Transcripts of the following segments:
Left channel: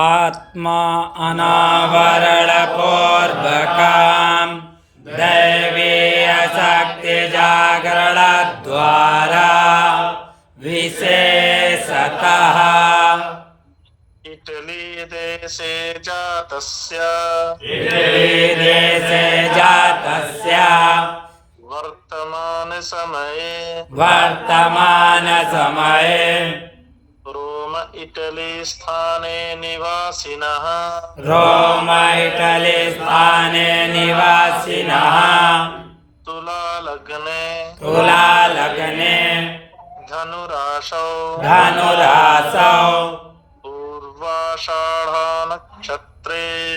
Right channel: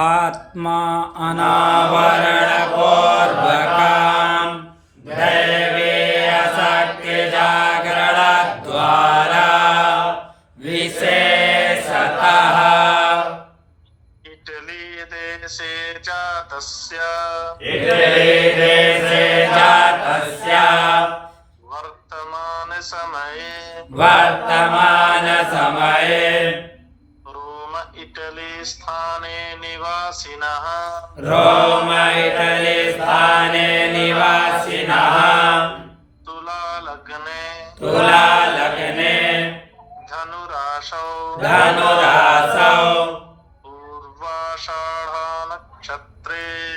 आत्मा अनावरणपूर्वकां दैवीय शक्ति जागरण द्वारा विशेषतः इटली देशे जातस्य वर्तमान समये रोम इटली स्थाने निवासिनः तुला लग्ने धनुरासौ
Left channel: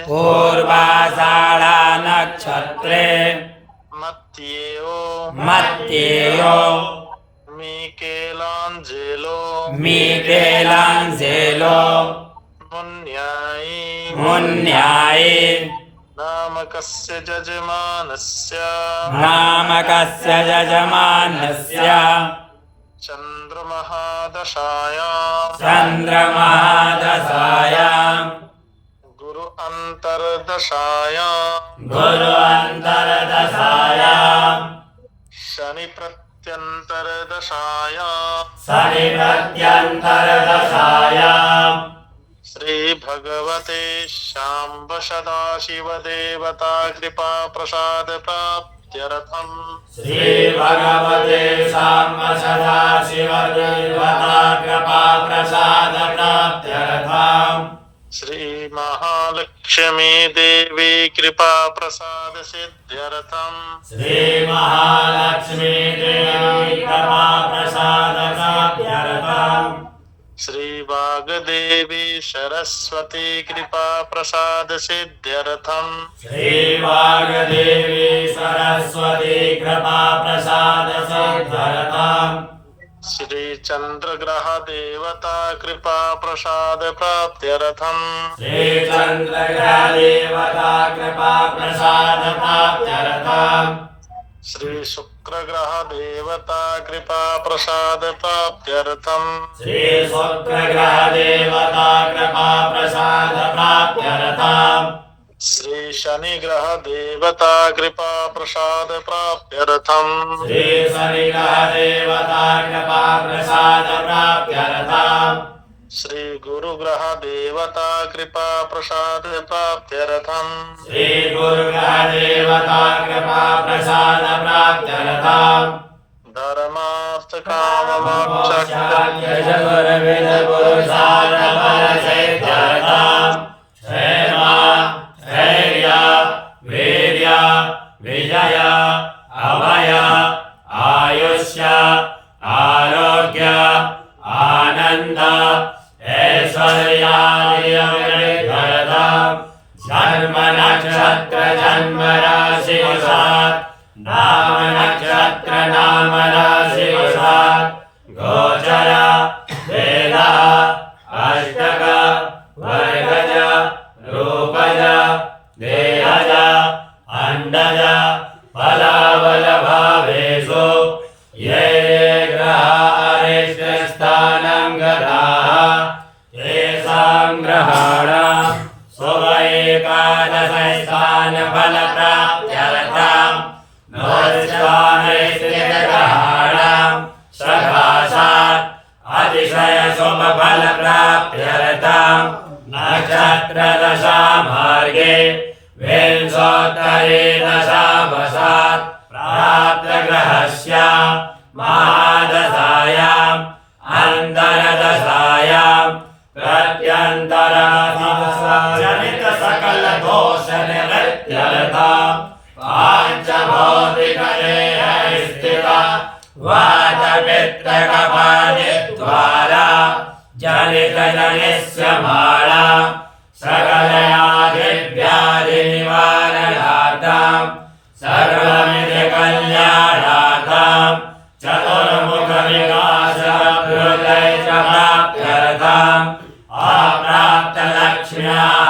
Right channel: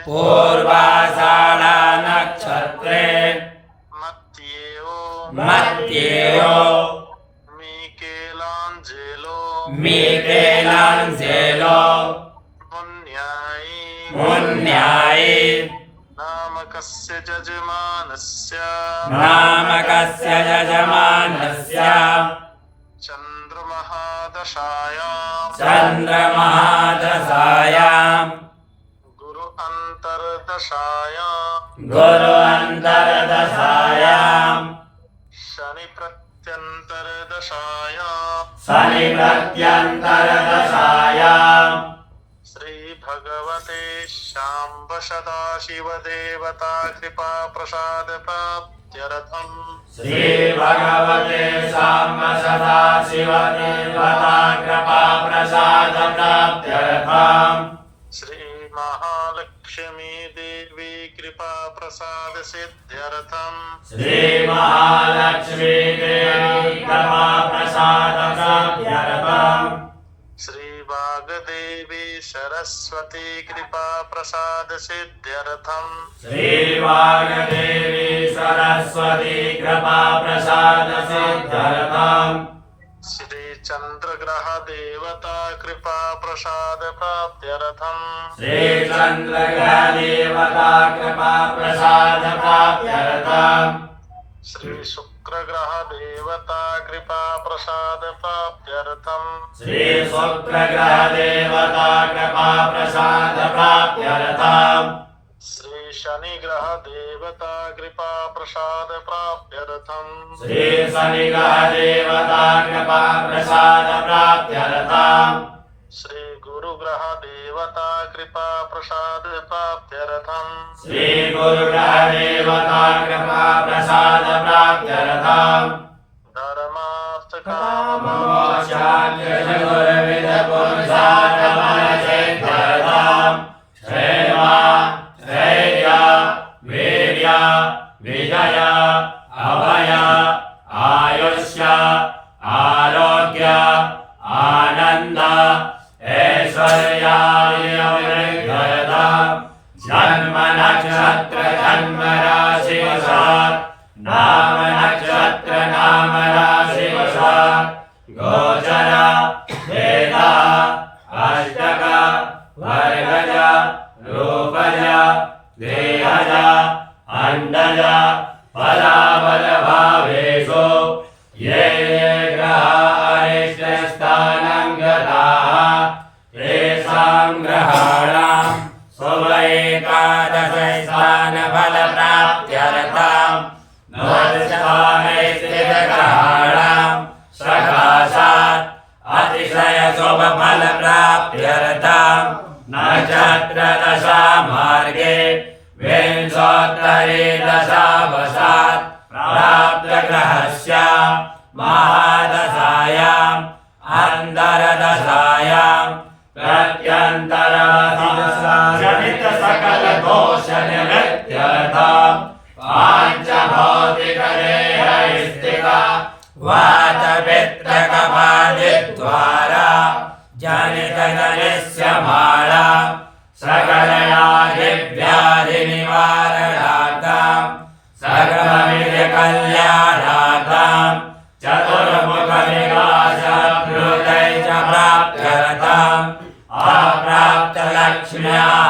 पूर्वाषाढ़ा नक्षत्रे मत्येयो मिकेलांजेलो मुन्याई नामकस्य यजमानस्य चंद्रमहादशायां गुरु अंतर्दशायां शनि प्रत्यंतरदशायां श्री भगवते शांब सदाशिव देवता कृपा प्रसाद प्राप्त्यर्थम श्री भगवते शांब सदाशिव देवता कृपा प्रसाद प्राप्त्यर्थम श्री महालक्ष्मी देवी कृपा प्रसाद सिद्ध्यर्थम श्री महालक्ष्मी देवी कृपा प्रसाद प्राप्त्यर्थम श्री वाग्देवी सरस्वती कृपा प्रसाद सिद्ध्यर्थम श्री वाग्देवी सरस्वती कृपा प्रसाद सिद्ध्यर्थम श्री चंद्रग्रह देवता कृपा प्रसाद प्राप्त्यर्थम श्री चंद्रग्रह देवता कृपा प्रसाद प्राप्त्यर्थम श्री शुक्र ग्रह देवता कृपा प्रसाद प्राप्त्यर्थम श्री शुक्र ग्रह देवता कृपा प्रसाद प्राप्त्यर्थम श्री शनि ग्रह देवता कृपा प्रसाद प्राप्त्यर्थम श्री शनि ग्रह देवता कृपा प्रसाद प्राप्त्यर्थम श्री गुरु ग्रह देवता कृपा प्रसाद प्राप्त्यर्थम श्री गुरु ग्रह देवता कृपा प्रसाद प्राप्त्यर्थम धर्मार्थ काम मोक्ष मोक्षाय चतुर्विध पुरुषार्थम क्षेम धैर्य वीर्य विजय अभय आयुष्य आरोग्य आनंद ऐश्वर्यादिव्यर्थम जन्म नक्षत्र जन्म राशि नाम नक्षत्र नाम राशि गोचर वेद अष्टक वर्गज रूपज देहज अंडज फलाबल भावेषु ये ग्रहारिष्टस्थानं गताः तेषां ग्रहाणां शुभ एकादशस्थान फलप्राप्त्यर्थं नवस्थानैस्त्रिग्रहाणां सकाशात् अतिशय शुभ फलप्राप्त्यर्थं नक्षत्रदशा मार्गे विंशोत्तरे दशावसात् प्राप्तग्रहस्य महादशायाम् अन्तरदशायां प्रत्यन्तरदशाजनित सकल दोष निवृत्त्यर्थं पाञ्चभौतिकदेह स्थिता वातपित्तकपादिद्वारा जनितजनिस्य माला सकलयादिव्याधिनिवारणार्थं सर्वविधकल्याणार्थं चतुर्मुखनिवासभृतै च प्राप्त्यर्थम् अप्राप्तलक्ष्म्याः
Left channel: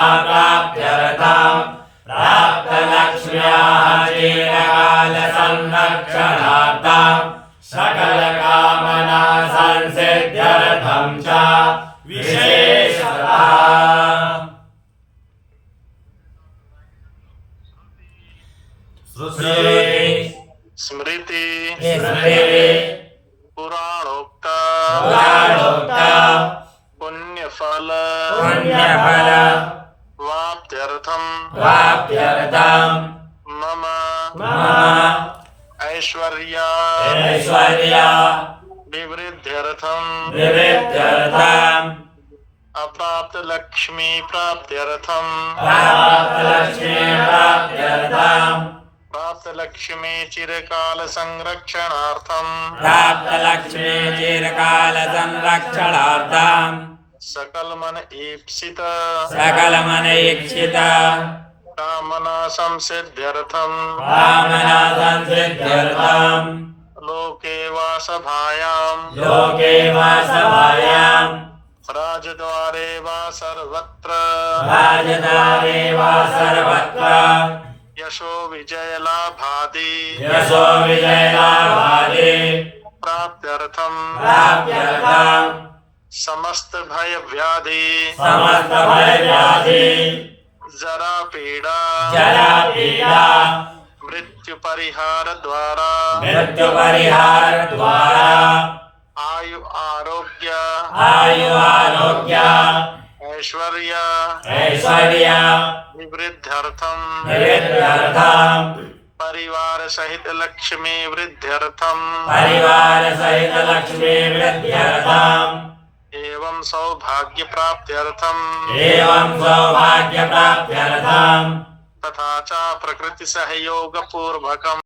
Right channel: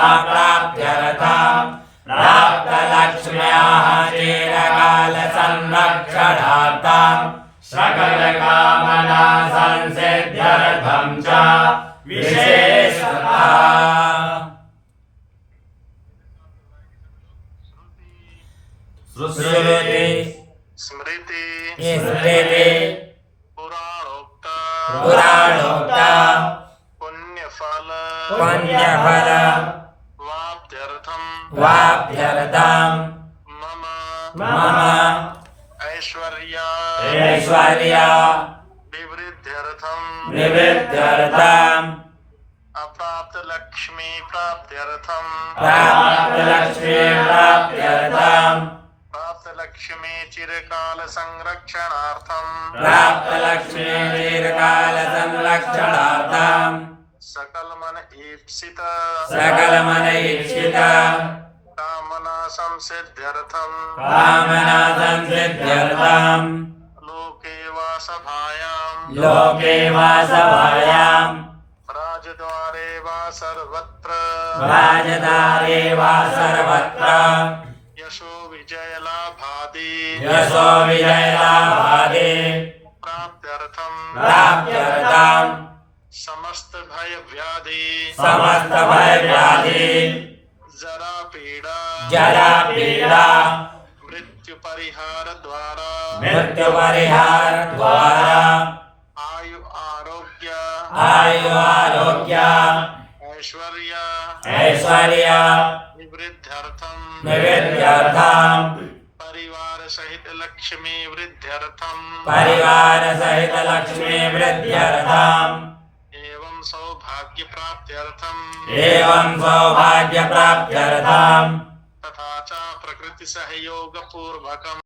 पुण्यफल वाप्त्यर्थं वाप्यर्थं मम मम ऐश्वर्य विवृद्ध्यर्थं निवृत्त्यर्थं अप्राप्त लक्ष्मी प्राप्त्यर्थं प्राप्तलक्ष्मी प्राप्त्यर्थं प्राप्त लक्ष्मी चिरकाल संरक्षणार्थं प्राप्तलक्ष्मी चिरकालसंरक्षणार्थं सकल मन ईप्सित सकलमनैक्षित कामना संसिद्ध्यर्थं कामना संसिद्ध्यर्थं लोके वासभायां लोके वासभायां राजद्वारे वा सर्वत्र राजद्वारे वा सर्वत्र यशो विजय लाभादि यशो विजयलाभादि प्राप्त्यर्थं प्राप्त्यर्थं समस्त भय व्याधि समस्त भयव्याधि जरा पीड़ा जरा पीड़ा मृत्यु परिहार द्वारा मृत्युपरिहार द्वारा आयु आरोग्य आयु आरोग्य ऐश्वर्य ऐश्वर्य विवृद्ध्यर्थं विविध्यर्थं परिवार सहित लक्ष्मी वृद्ध्यर्थं परिवार सहित लक्ष्मी वृद्ध्यर्थं एवं सौभाग्य प्राप्त्यर्थं एवं सौभाग्य प्राप्त्यर्थं तथा च प्रकृति सहयोग पूर्वकम्